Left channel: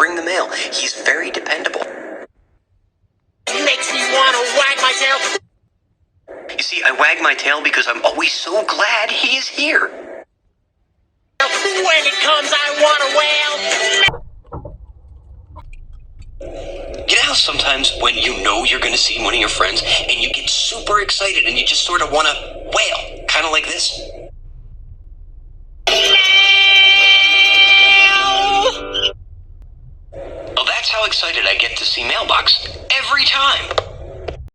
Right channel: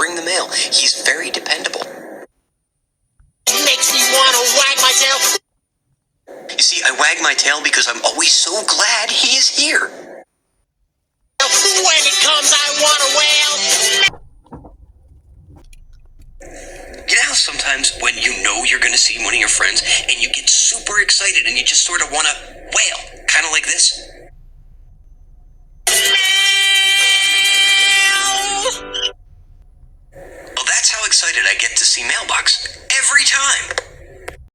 bring the mail. He's very dependable. Makes me want to wag my tail. You see, I wag my tail because I'm always so glad he is here. When it comes, I want to wail. You know how sometimes when you know you're going to see one of your friends and you get super excited and you just sort of want to wail, kind of like this? Well, that's how excited I get to see Mailbox.